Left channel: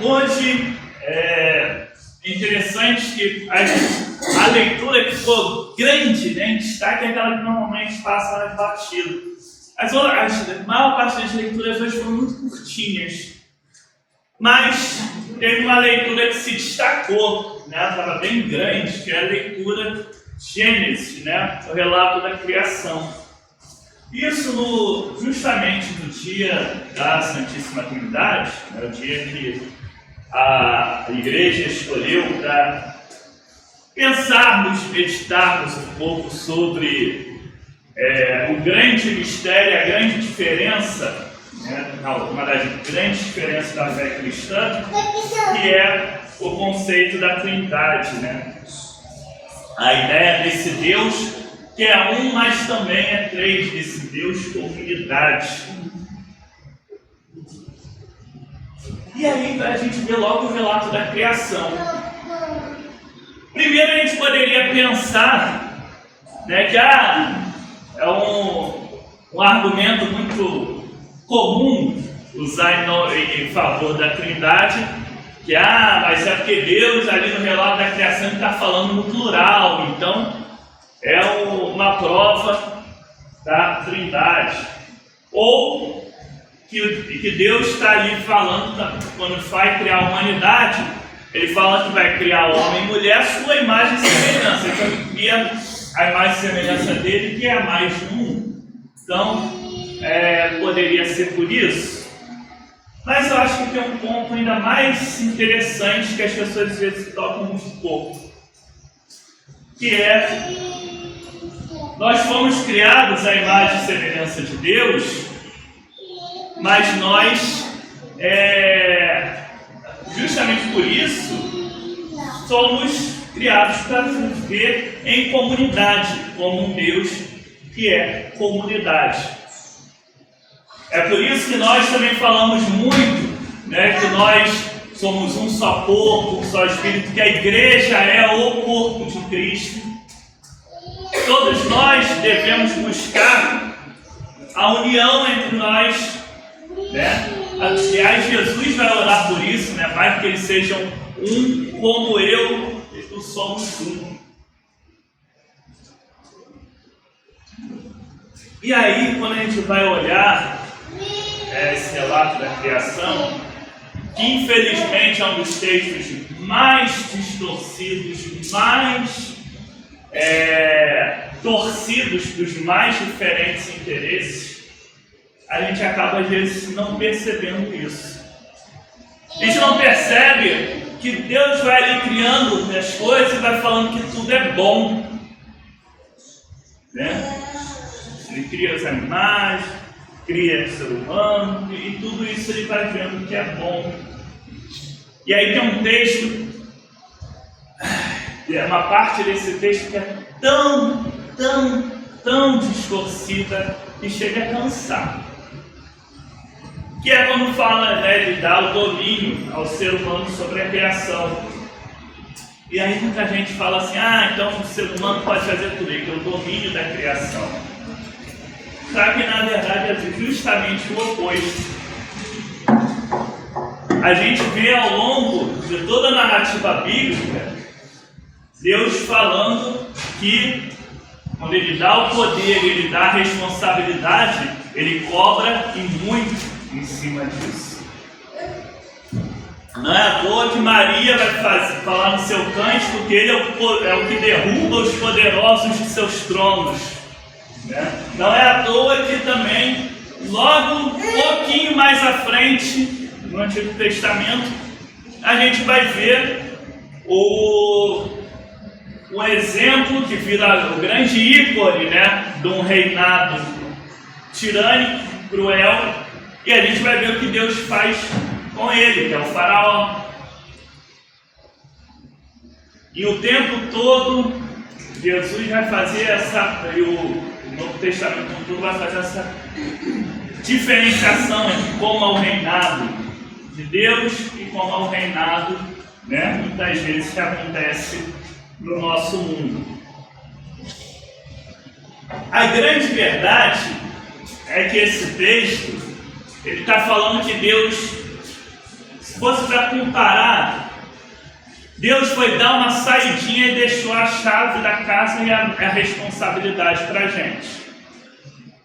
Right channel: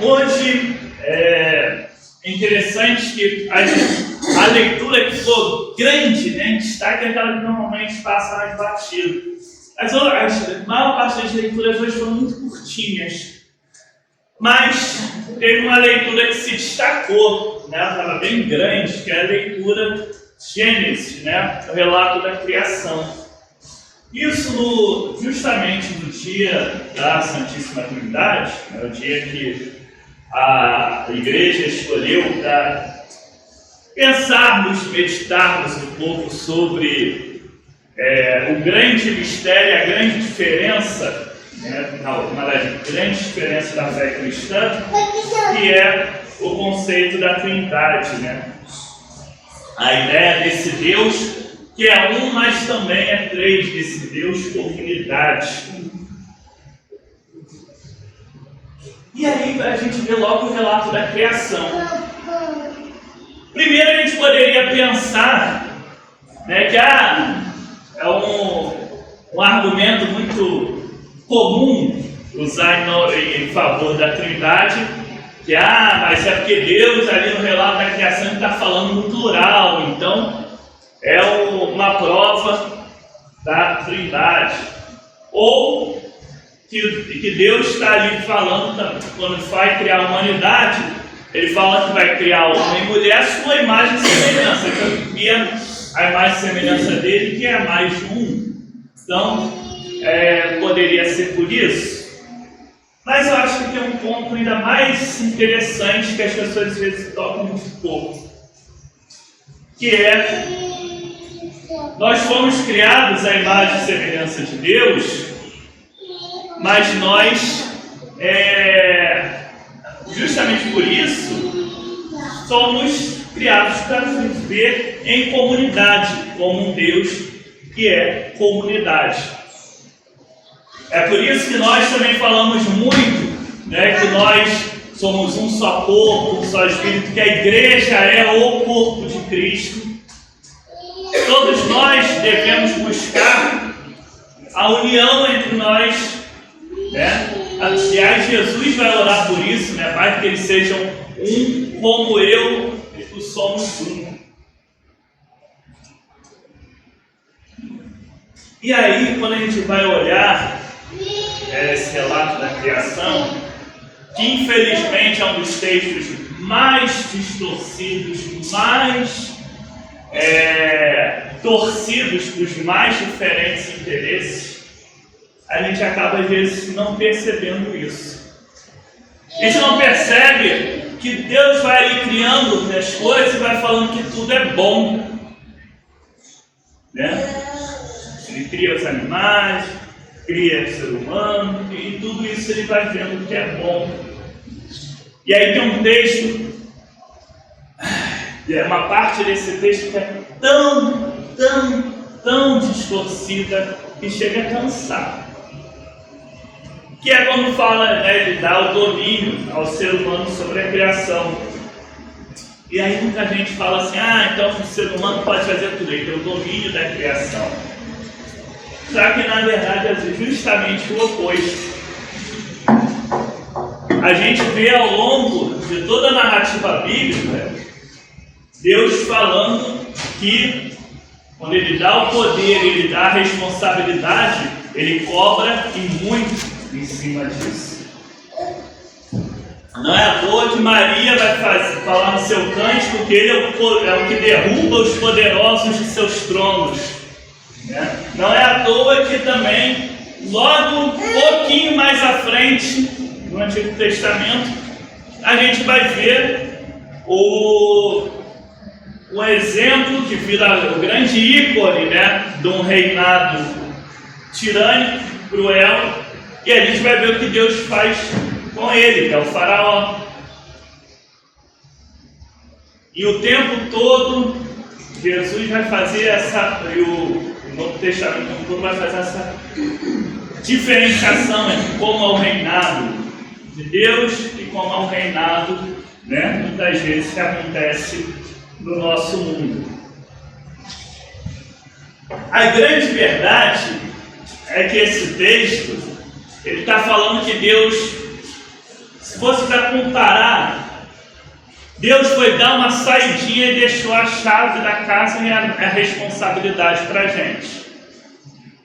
Hoje é interessante que a leitura que ficou grande, né, em destaque, é aquela que normalmente passa mais batido. A maior parte das leituras hoje foram muito curtinhas, mas teve uma leitura que se destacou, né, estava bem grande, que é a leitura de Gênesis, né, o relato da criação. Isso justamente no dia da Santíssima Trindade, né, o dia que a Igreja escolheu para pensarmos, meditarmos um pouco sobre o grande mistério, a grande diferença, né, uma das grandes diferenças da fé cristã, que é o conceito da Trindade, né? A ideia desse Deus que é um, mas também é três, desse Deus por unidade. E aí a gente vê logo o relato da criação. Primeiro a gente poderia pensar, né, que é um argumento muito comum usar em favor da Trindade, que mas é porque Deus ali no relato da criação está falando no plural, então é uma prova da Trindade. Ou que Deus está ali falando, quando vai criar a humanidade, Ele fala que vai criar o homem e mulher a sua imagem e semelhança. Então, e a imagem e semelhança dele, que é mais de um. Então, poderia ser por isso. Mas eu acho que tem um ponto ainda mais interessante que as pessoas às vezes tocam muito pouco. Que nós fomos criados à imagem e semelhança de Deus, mas nós, justamente por isso, somos criados para viver em comunidade, como um Deus que é comunidade. É por isso que nós também falamos muito, né, que nós somos um só corpo, um só espírito, que a igreja é o corpo de Cristo. Todos nós devemos buscar a união entre nós, né? Aliás, Jesus vai orar por isso, né? Para que eles sejam um como eu e tu somos um. E aí, quando a gente vai olhar esse relato da criação, que infelizmente é um dos textos mais distorcidos, mais torcidos para os mais diferentes interesses, a gente acaba às vezes não percebendo isso. A gente não percebe que Deus vai ali criando as coisas e vai falando que tudo é bom, né? Ele cria os animais, cria o ser humano, e tudo isso ele vai vendo que é bom. E aí tem um texto, uma parte desse texto que é tão distorcida que chega a cansar. Que é quando fala, né, ele dá o domínio ao ser humano sobre a criação. E aí muita gente fala assim, então o ser humano pode fazer tudo, ele tem o domínio da criação. Só que na verdade é justamente o oposto. A gente vê ao longo de toda a narrativa bíblica, Deus falando que quando Ele dá o poder, Ele dá a responsabilidade, Ele cobra e muito em cima disso. Não é à toa que Maria vai falar no seu cântico que Ele é o que derruba os poderosos de seus tronos. Né? Não é à toa que também, logo um pouquinho mais à frente, no Antigo Testamento, a gente vai ver um exemplo que vira o grande ícone, né, de um reinado tirânico, cruel, e a gente vai ver o que Deus faz com ele, que é o faraó. E o tempo todo, Jesus vai fazer e o Novo Testamento todo vai fazer essa diferenciação entre como é o reinado de Deus e como é o reinado, né, muitas vezes que acontece no nosso mundo. A grande verdade é que esse texto, ele está falando que Deus fosse para comparar, Deus foi dar uma saidinha e deixou a chave da casa e a responsabilidade para a gente.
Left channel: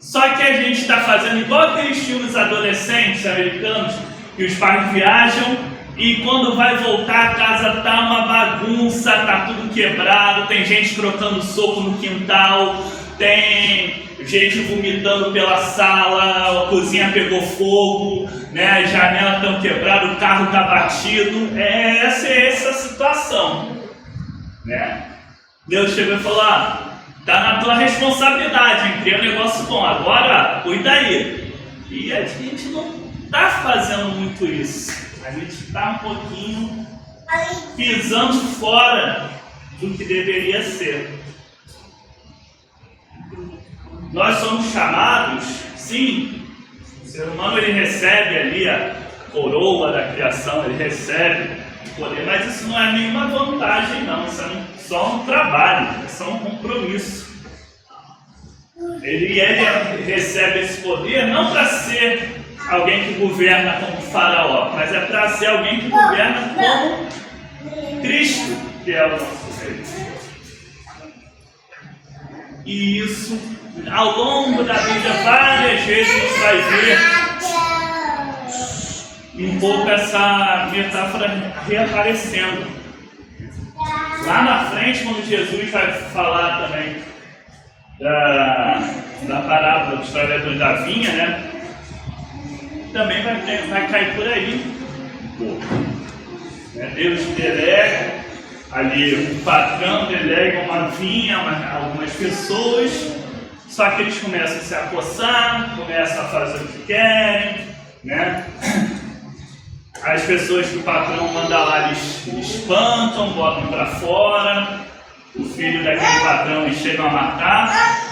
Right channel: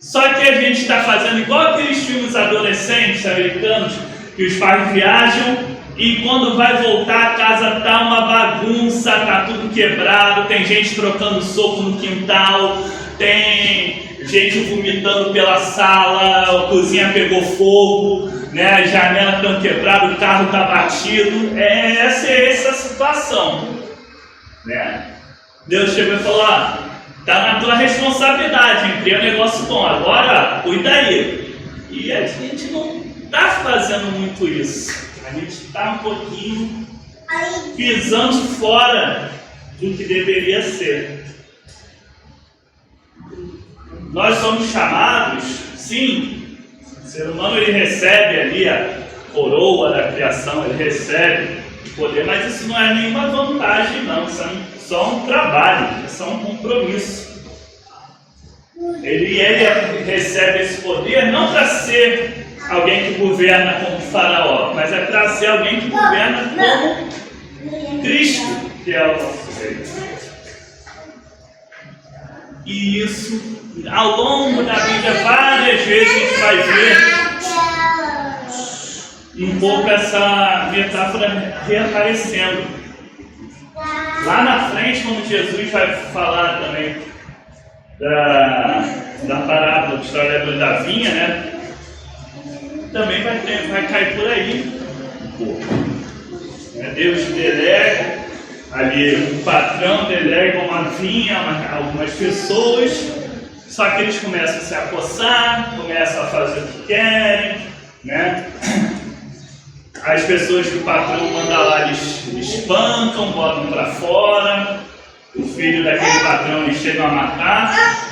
Só que a gente está fazendo igual aqueles filmes adolescentes americanos, que os pais viajam e quando vai voltar a casa tá uma bagunça, tá tudo quebrado, tem gente trocando soco no quintal, tem gente vomitando pela sala, a cozinha pegou fogo, né? As janelas estão quebradas, o carro está batido. Essa é essa situação, né? Deus chegou e falou: tá na tua responsabilidade, hein? Cria um negócio bom, agora cuida aí. E a gente não está fazendo muito isso. A gente está um pouquinho pisando fora do que deveria ser. Nós somos chamados, sim, o ser humano ele recebe ali a coroa da criação, ele recebe o poder, mas isso não é nenhuma vantagem não, isso é só um trabalho, isso é um compromisso. Ele recebe esse poder não para ser alguém que governa como faraó, mas é para ser alguém que governa como Cristo, que é o nosso rei. E isso, ao longo da vida, várias vezes a gente vai ver um pouco essa metáfora reaparecendo. Lá na frente, quando Jesus vai falar também da parábola do historiador da vinha, né? Também vai cair por aí um pouco. Deus delega, ali o patrão delega uma vinha, algumas pessoas, só que eles começam a se acossar, começam a fazer o que querem, né? As pessoas que o patrão manda lá, eles espancam, botam para fora, o filho daquele patrão eles chegam a matar.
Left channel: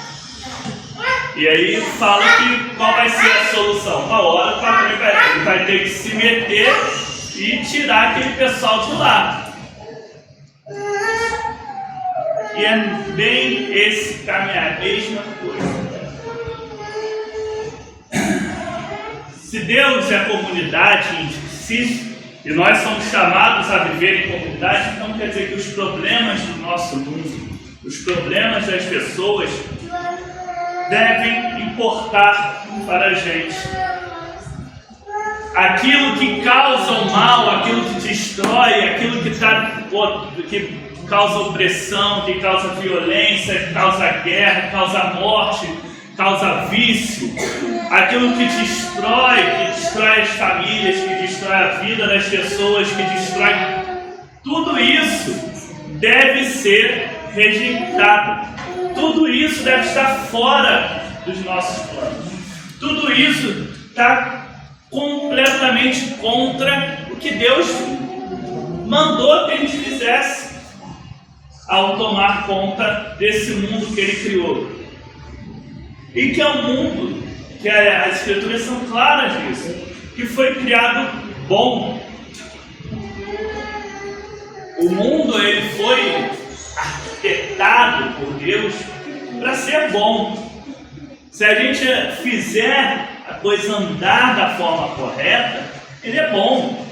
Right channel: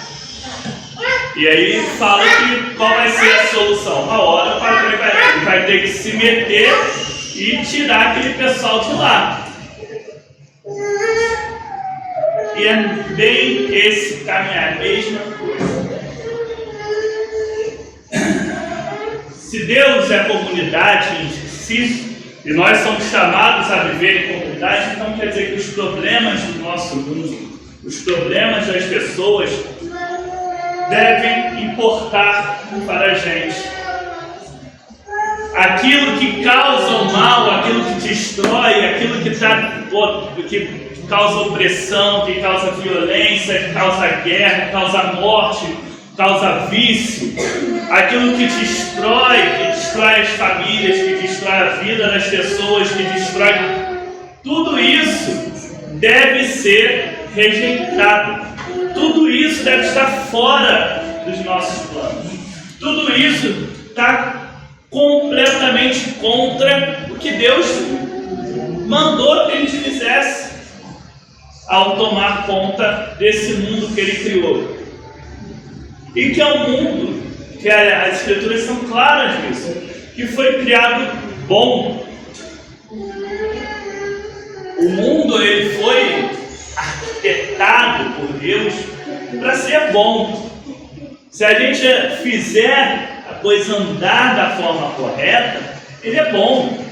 E aí fala que qual vai ser a solução? Uma hora o patrão vai ter que se meter e tirar aquele pessoal de lá. E é bem esse caminhar, a mesma coisa. Se Deus é a comunidade em si, e nós somos chamados a viver em comunidade, então quer dizer que os problemas do nosso mundo, os problemas das pessoas, devem importar para a gente. Aquilo que causa o mal, aquilo que destrói, aquilo que causa opressão, que causa violência, que causa guerra, que causa morte, causa vício, aquilo que destrói as famílias, que destrói a vida das pessoas, que destrói tudo isso, deve ser rejeitado. Tudo isso deve estar fora dos nossos planos. Tudo isso está completamente contra o que Deus mandou que a gente fizesse ao tomar conta desse mundo que Ele criou. E que é um mundo, que as Escrituras são claras disso, que foi criado bom. O mundo ele foi arquitetado por Deus para ser bom. Se a gente fizer a coisa andar da forma correta, ele é bom,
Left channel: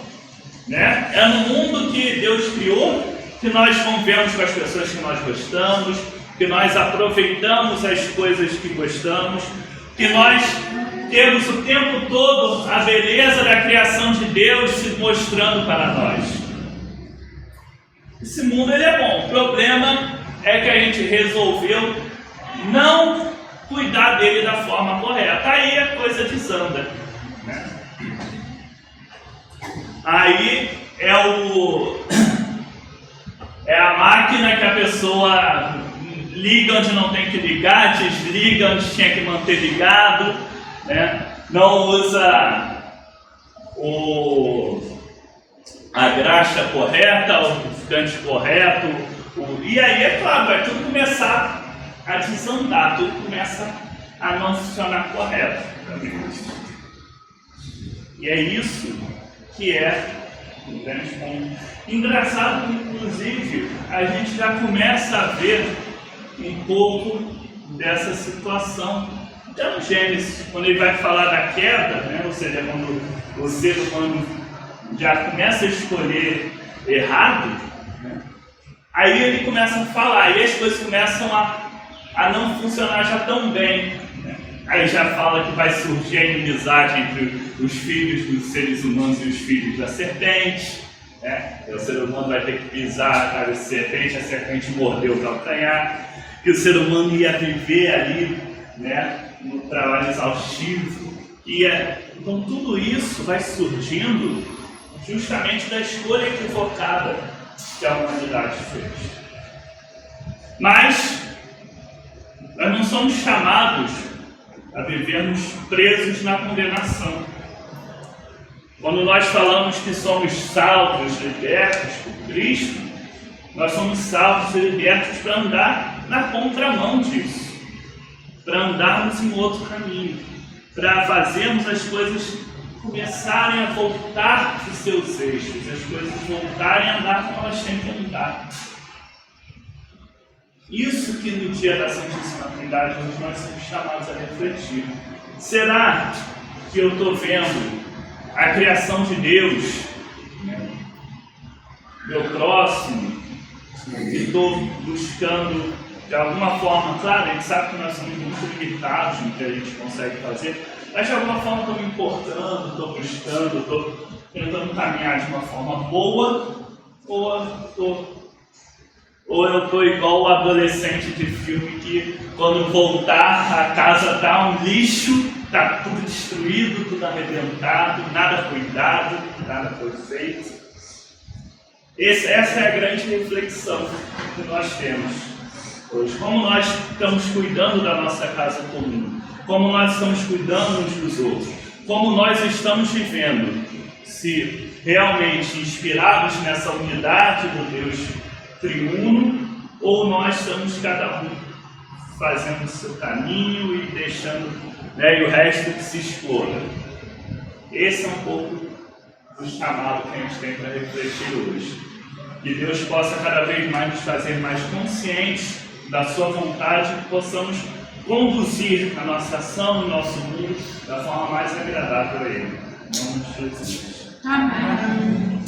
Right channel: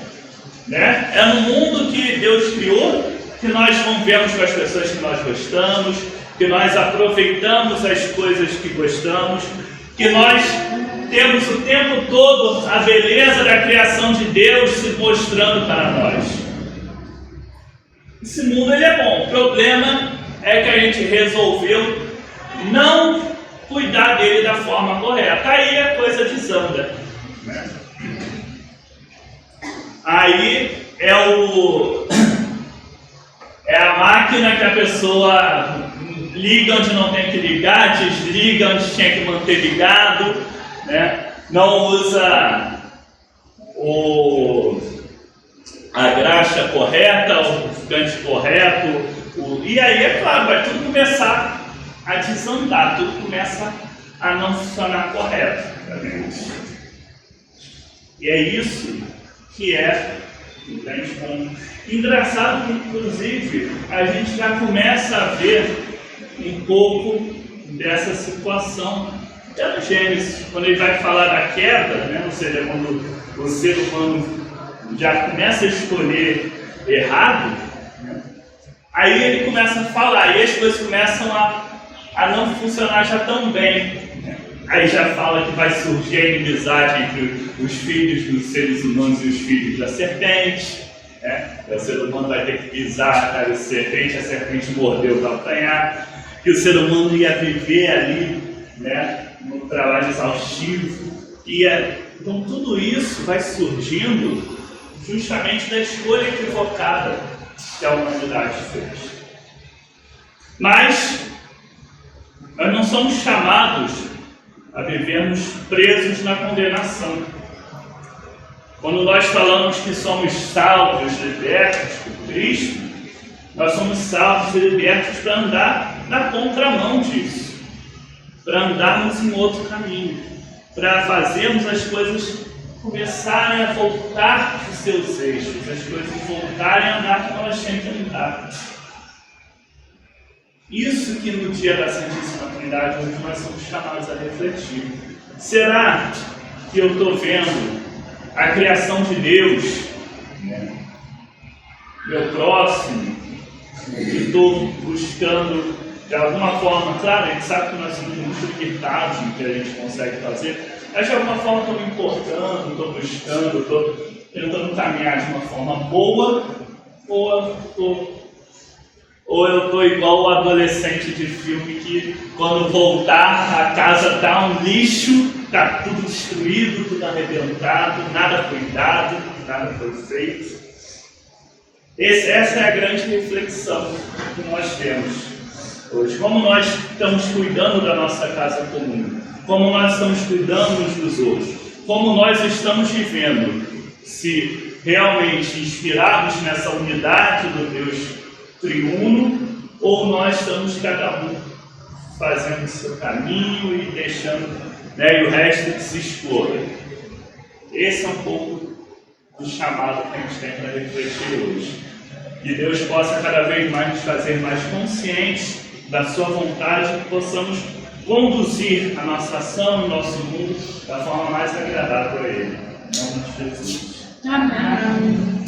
né? É no mundo que Deus criou que nós convivemos com as pessoas que nós gostamos, que nós aproveitamos as coisas que gostamos, que nós temos o tempo todo a beleza da criação de Deus se mostrando para nós. Esse mundo ele é bom. O problema é que a gente resolveu não cuidar dele da forma correta. Aí a coisa desanda, né? Aí é a máquina que a pessoa liga onde não tem que ligar, desliga onde tinha que manter ligado, né? Não usa a graxa correta, o ficante correto, e aí é claro, vai tudo começar a desandar, tudo começa a não funcionar corretamente. E é isso que é um grande ponto. Engraçado que, inclusive, a gente já começa a ver um pouco dessa situação até no Gênesis, quando ele vai falar da queda, né? Ou seja, quando o ser humano já começa a escolher errado, né? Aí ele começa a falar, e as coisas começam a não funcionar já tão bem, né? Aí já fala que vai surgir a inimizade entre os filhos dos seres humanos e os filhos da serpente, né? O ser humano vai ter que pisar a cara da serpente, a serpente mordeu o calcanhar, que o ser humano ia viver ali, né, no trabalho exaustivo. Então tudo isso vai surgindo justamente da escolha equivocada que a humanidade fez. Mas nós não somos chamados a vivermos presos na condenação. Quando nós falamos que somos salvos, libertos por Cristo, nós somos salvos e libertos para andar na contramão disso, para andarmos em outro caminho, para fazermos as coisas começarem a voltar para os seus eixos, as coisas voltarem a andar como elas têm que andar. Isso que no dia da Santíssima Trindade nós somos chamados a refletir. Será que eu estou vendo a criação de Deus, né, meu próximo, que estou buscando de alguma forma? Claro, a gente sabe que nós somos muito limitados no que a gente consegue fazer, mas de alguma forma estou me importando, estou buscando, estou tentando caminhar de uma forma boa, ou eu estou igual o adolescente de filme que quando voltar a casa está um lixo, está tudo destruído, tudo arrebentado, nada foi dado, nada foi feito. Essa é a grande reflexão que nós temos hoje. Como nós estamos cuidando da nossa casa comum, como nós estamos cuidando uns dos outros, como nós estamos vivendo, se realmente inspirados nessa unidade do Deus triuno, ou nós estamos cada um fazendo o seu caminho e deixando, né, e o resto que se exploda. Esse é um pouco do chamado que a gente tem para refletir hoje. Que Deus possa cada vez mais nos fazer mais conscientes da sua vontade, que possamos conduzir a nossa ação, o nosso mundo da forma mais agradável a Ele. Em nome de Jesus. Amém.